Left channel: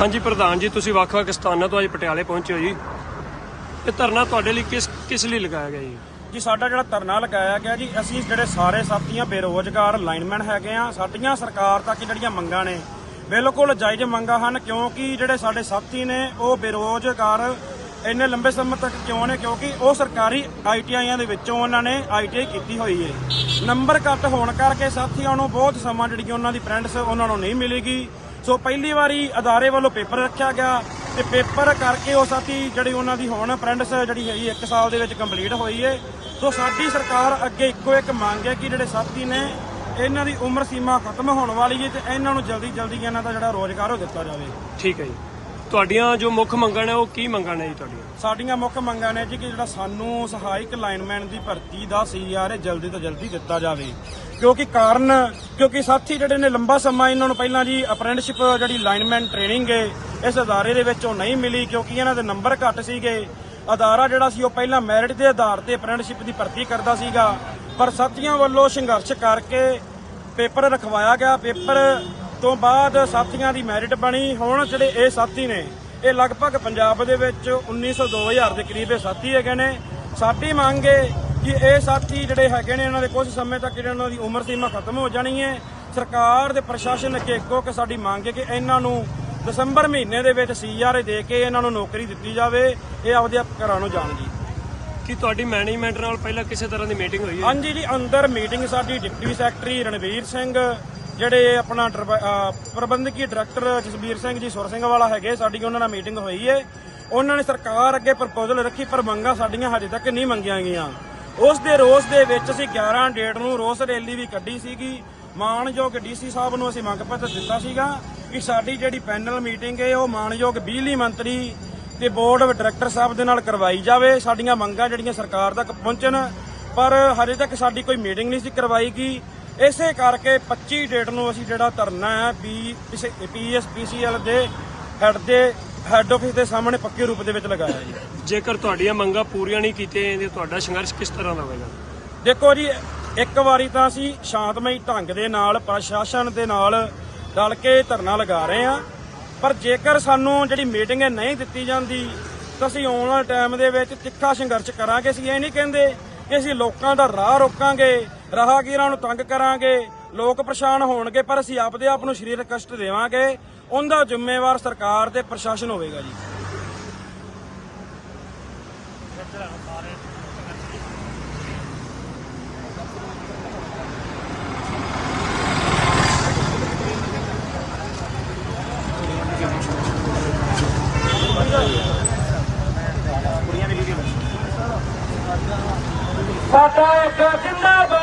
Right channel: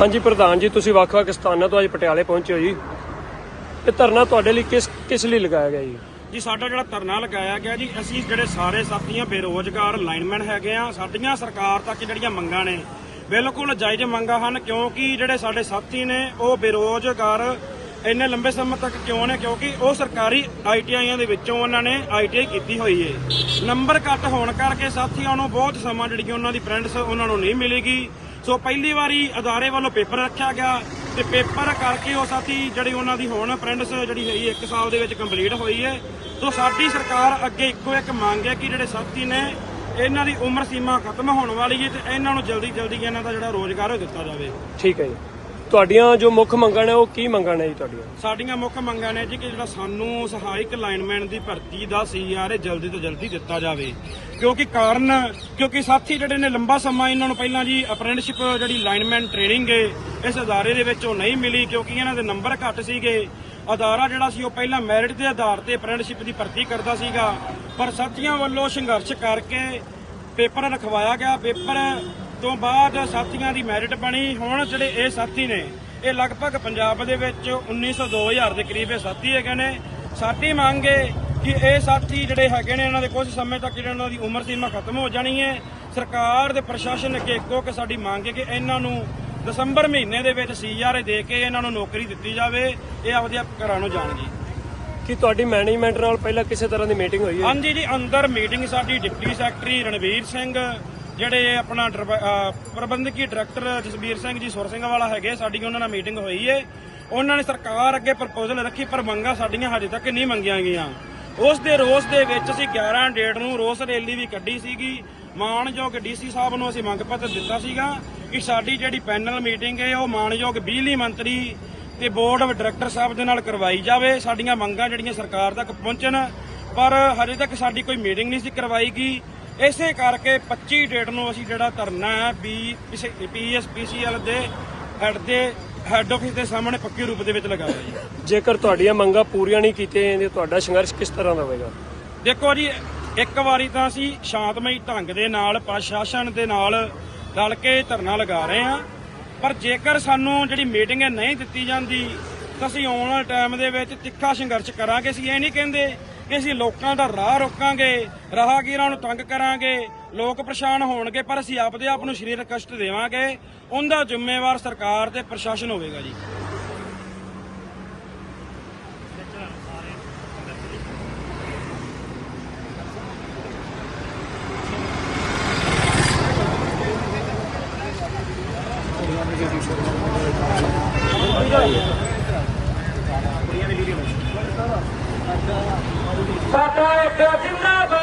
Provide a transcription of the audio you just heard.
ਹਾਂਜੀ, ਪ੍ਰਧਾਨ ਜੀ, ਤੁਸੀਂ ਵੱਖ-ਵੱਖ ਸਥਾਨਾਂ ਤੋਂ ਅੱਜ ਪਟਿਆਲੇ ਪਹੁੰਚੇ ਹੋ ਜੀ। ਇਹ ਧਰਨਾ ਤੁਹਾਡੇ ਲਈ ਕਿਸ ਕਿਸ ਲਈ ਲਗਾਇਆ ਗਿਆ ਜੀ? ਜੀ, ਸਾਡਾ ਜਿਹੜਾ ਧਰਨਾ ਲਗਾਇਆ ਗਿਆ ਜੀ, ਅਸੀਂ ਜਿਹੜੇ ਸਾਰੇ ਸਾਥੀਆਂ ਬੇਰੋਜ਼ਗਾਰ, ਲਾਈਨਮੈਨ ਹੈਗੇ ਆ, ਸਾਡੀਆਂ ਸਰਕਾਰ ਤੱਕ ਜਿਹੜੀਆਂ ਮੰਗਾਂ ਨੇ, ਬਿਲਕੁਲ ਜਾਇਜ਼ ਮੰਗਾਂ ਹਨ, ਕਿਉਂਕਿ ਜਿਹੜੇ ਸਾਡੇ ਸਾਥੀ ਨੇ, ਉਹ ਬੇਰੋਜ਼ਗਾਰ ਇੰਨੇ ਲੰਬੇ ਸਮੇਂ ਤੱਕ ਕਿਉਂ ਨੇ? ਕਿਉਂਕਿ ਉਹ ਸਰਕਾਰੀ ਆਈਟੀਆਈਆਂ ਦੇ ਵਿੱਚੋਂ ਉਹਨਾਂ ਨੇ ਆਈਟੀਆਈ ਕੀਤੀ ਹੋਈ ਏ। ਨੰਬਰ ਘੱਟ ਹੋਣ ਕਰਕੇ ਸਾਥੀਆਂ ਨੂੰ ਬਹੁਤ ਸਮਾਂ ਜਿਹੜੀ ਉਹਨਾਂ ਦੀ ਫਰੈਂਡਸ ਉਹਨਾਂ ਨੂੰ ਨਹੀਂ ਮਿਲੇਗੀ। ਸੋ ਪਹਿਲੀ ਵਾਰੀ ਅਦਾਰੇ ਵੱਲੋਂ ਪੇਪਰ ਰੱਖਿਆ ਗਿਆ ਤੇ ਪੇਪਰ ਕਰਕੇ ਉਹ ਸਾਥੀ ਜਿਹੜੀ ਉਹਨਾਂ ਦੀ ਹੁਣ ਫਰੈਂਡਸ ਜਿਹੜੀ ਹੈਗੀ 1 ਸਾਲ ਦੇ ਵਿੱਚ ਕੰਪਲੀਟ ਹੋਈ ਏ। ਸੋ ਸਾਡੀ ਸਰਕਾਰ ਅੱਗੇ ਇੱਕੋ ਇੱਕ ਮੰਗ ਹੈ ਕਿ ਜਿਹੜੇ ਸਾਥੀ ਨੇ ਇਹਨਾਂ ਦੀ ਉਮਰ ਸੀਮਾ ਖਤਮ ਹੋਣ ਵਾਲੀ ਹੈ ਤੇ ਇਹਨਾਂ ਨੂੰ ਜਲਦੀ ਜਲਦੀ ਇਹਨਾਂ ਦਾ ਜਿਹੜਾ ਰੋਜ਼ਗਾਰ ਉਹ ਦਿੱਤਾ ਜਾਵੇ। ਠੀਕ ਹੈ ਜੀ। ਤੁਹਾਡੀਆਂ ਜੋ ਮੁੱਖ ਮੰਗਾਂ ਨੇ, ਉਹ ਕੀ ਮੰਗਾਂ ਨੇ ਜੀ ਤੁਹਾਡੀਆਂ? ਸਾਡੀਆਂ ਮੁੱਖ ਮੰਗਾਂ ਨੇ ਜੀ ਕਿ ਜਿਹੜਾ ਸਾਨੂੰ ਸਹਾਇਕ ਲਾਈਨਮੈਨ ਦੀ ਭਰਤੀ ਦਾ ਸੀਆਰ ਇਹ ਜਲਦੀ ਤੋਂ ਜਲਦੀ ਦਿੱਤਾ ਜਾਵੇ। ਕਿਉਂਕਿ ਕਾਰਨ, ਕਿਉਂਕਿ ਸਾਥੀ ਜਿਹੜੇ ਨੇ, ਲੰਬਾ ਸਮਾਂ ਇਹਨਾਂ ਨੂੰ ਪਹਿਲਾਂ ਜੀ ਅਪ੍ਰੈਂਟਿਸਸ਼ਿਪ ਜਿਹੜੀ ਲਾਈਨਮੈਨ ਟ੍ਰੇਨਿੰਗ ਹੈ, ਇਸ ਅਦਾਰੇ ਦੇ ਵਿੱਚ ਉਹ ਨਹੀਂ ਮਿਲੀ ਕਿਉਂਕਿ ਇਹਨਾਂ ਦੇ ਨੰਬਰ ਘੱਟ ਸੀਗੇ। ਅਦਾਰਾ ਜਿਹੜਾ ਸੀ, ਉਹ ਪਹਿਲਾਂ ਮੈਰਿਟ ਦੇ ਆਧਾਰ ਤੇ ਅਪ੍ਰੈਂਟਿਸਸ਼ਿਪ ਦੀ ਭਰਤੀ ਕਰਦਾ ਸੀਗਾ। ਪਰ ਸਾਥੀਆਂ ਵੱਲੋਂ ਸੰਘਰਸ਼ ਕਰਕੇ ਪੇਪਰ ਰਖਵਾਇਆ ਗਿਆ। ਪੇਪਰ ਤੋਂ ਬਾਅਦ ਸਾਥੀਆਂ ਦੀ ਮੈਰਿਟ ਬਣੀ। ਹੁਣ ਜਿਹੜੇ ਇਹ ਸਾਥੀ ਨੇ ਇਹ ਲਗਭਗ ਪੰਜਾਬ ਦੇ ਵਿੱਚ 1900 2000 ਦੇ ਕਰੀਬ ਇਹ ਸਾਥੀ ਹੈਗੇ ਨੇ। ਸਾਡੀ ਮੰਗ ਹੈ ਕਿ ਇਹ ਸਾਥੀ ਜਿਹੜੇ ਹੈਗੇ ਨੇ ਇਹਨਾਂ ਦੇ ਕੁਝ ਸਮੇਂ ਤੱਕ ਜਿਹੜੇ ਇਹਨਾਂ ਦੀ ਉਮਰ ਸੀਮਾ ਖਤਮ ਹੋ ਜਾਣੀ ਹੈ। ਸਰਕਾਰ ਦੇ ਪ੍ਰਸ਼ਾਸਨ ਅੱਗੇ ਇੱਕੋ ਕਿ ਸਾਡੀ ਮੰਗ ਹੈ ਕਿ ਇਹਨਾਂ ਨੂੰ ਦਸੰਬਰ ਮਹੀਨੇ ਦੇ ਵਿੱਚ ਸੀਆਰ ਦੇ ਕੇ ਇਹਨਾਂ ਨੂੰ ਨੌਕਰੀ ਦਿੱਤੀ ਜਾਵੇ। ਇਹ ਆਪਦੇ ਆਪ ਘਰਾਂ ਨੂੰ ਜਾਣ ਜੀ ਕੀ ਤੁਹਾਡੀ ਮੈਨੇਜਮੈਂਟ ਨਾਲ ਪਹਿਲਾਂ ਕਿਸੇ ਤਰ੍ਹਾਂ ਦੀ ਮੀਟਿੰਗ ਹੋਈ ਹੈ? ਹਾਂਜੀ ਜੀ ਅੰਦਰ ਮੀਟਿੰਗ ਸਾਡੀ ਡਿਪਟੀ ਸੈਕਟਰੀ ਰਣਵੀਰ ਸਿੰਘ ਜਿਹੜੇ ਆਪਣਾ ਡਰ- ਪ੍ਰਬੰਧਕੀ ਡਾਇਰੈਕਟਰ ਜਸਬੀਰ ਸਿੰਘ ਜੀ ਸੁਰ ਸਿੰਘ ਵਾਲਾ ਹੈਗੇ, ਸਾਡੀ ਉਹਨਾਂ ਨਾਲ ਮੀਟਿੰਗ ਹੋਈ ਏ। ਉਹਨਾਂ ਨੇ ਸਰਕਾਰ ਅੱਗੇ ਪ੍ਰਪੋਜ਼ਲ ਰੱਖੀ, ਪਰ ਮੰਗਾਂ ਸਾਡੀਆਂ ਹਜੇ ਤੱਕ ਨਹੀਂ ਮੰਗੀਆਂ ਗਈਆਂ। ਉਸ ਦੇ ਰੋਸ ਦੇ ਵਿੱਚ ਅਸੀਂ 11 ਡੇਟ ਨੂੰ ਰੋਸ ਰੈਲੀ ਵੀ ਕੱਢੀ ਸੀਗੀ। ਮਾਨਯੋਗ ਡੀਸੀ ਸਾਹਿਬ ਨੂੰ ਅਸੀਂ ਮੰਗ ਪੱਤਰ ਦਿੱਤਾ ਸੀਗਾ ਕਿ ਸਾਡੀ ਜਿਹੜੀ ਪੈਨਲ ਮੀਟਿੰਗ ਹੈ ਉਹ ਮਾਨਯੋਗ ਬਿਜਲੀ ਮੰਤਰੀ ਤੇ ਬੋਰਡ ਆਫ ਡਾਇਰੈਕਟਰ ਸਾਹਿਬ ਦੇ ਨਾਲ ਕਰਵਾਈ ਜਾਵੇ। ਸਾਡੀਆਂ ਮੰਗਾਂ ਜਿਹੜੀਆਂ ਸਰਕਾਰ ਤੱਕ ਪਹੁੰਚਣ, ਪਰ ਹਜੇ ਤੱਕ ਸਾਡੀ ਕੋਈ ਮੀਟਿੰਗ ਨਹੀਂ ਸੀ ਕਰਵਾਈ ਗਈ। ਇਸੇ ਕਰਕੇ 25 ਡੇਟ ਨੂੰ ਅਸੀਂ ਜਿਹੜਾ ਧਰਨਾ ਹੈ ਬੀ ਪੀਐਸਪੀਸੀਐਲ ਦੇ ਹੈਡ ਦੇ ਹੈੱਡ ਆਫਿਸ ਦੇ ਸਾਹਮਣੇ ਪੱਕੇ ਰੂਪ ਦੇ ਵਿੱਚ ਲਗਾਇਆ ਜੀ। ਜੇਕਰ ਤੁਹਾਡੀਆਂ ਮੰਗਾਂ ਪੂਰੀਆਂ ਨਹੀਂ ਕੀਤੀਆਂ ਜਾਂਦੀਆਂ ਤੁਹਾਡਾ ਸੰਘਰਸ਼ ਕਿਸ ਤਰ੍ਹਾਂ ਦਾ ਹੋਵੇਗਾ? ਦੇਖੋ ਜੀ ਇੱਕ ਵਾਰੀ ਤਾਂ ਅਸੀਂ ਸ਼ਾਂਤਮਈ ਢੰਗ ਦੇ ਨਾਲ ਪ੍ਰਸ਼ਾਸਨ ਦੇ ਨਾਲ ਰਲ ਕੇ ਧਰਨਾ ਲਗਾ ਰਹੇ ਹਾਂ। ਪਰ ਜੇਕਰ ਸਾਨੂੰ ਜਿਹੜੀ ਮੀਟਿੰਗ ਨਹੀਂ ਦਿੱਤੀ ਜਾਂਦੀ ਤਾਂ ਅਸੀਂ ਆਉਣ ਵਾਲੇ ਟਾਈਮ ਦੇ ਵਿੱਚ ਤਿੱਖਾ ਸੰਘਰਸ਼ ਕਰਾਂਗੇ ਅਸੀਂ ਇਹ ਨਹੀਂ ਕਹਿੰਦੇ ਕਿ ਅਸੀਂ ਲੋਕਾਂ ਦਾ ਰਾਹ ਰੋਕਾਂਗੇ, ਰਾਹਗੀਰਾਂ ਨੂੰ ਤੰਗ ਕਰਾਂਗੇ, ਲੋਕ ਪਰੇਸ਼ਾਨ ਹੋਣਗੇ, ਪਰ ਅਸੀਂ ਆਪਦੇ ਆਪ ਨੂੰ ਸਰੀਰਕ ਕਸ਼ਟ ਦੇਵਾਂਗੇ, ਉਹਦਾ ਜ਼ਿੰਮੇਵਾਰ ਸਰਕਾਰ ਤੇ ਪ੍ਰਸ਼ਾਸਨ ਹੋਵੇਗਾ ਜੀ। ਸਾਡਾ ਇੱਕ ਜਿੰਦਾਬਾਦ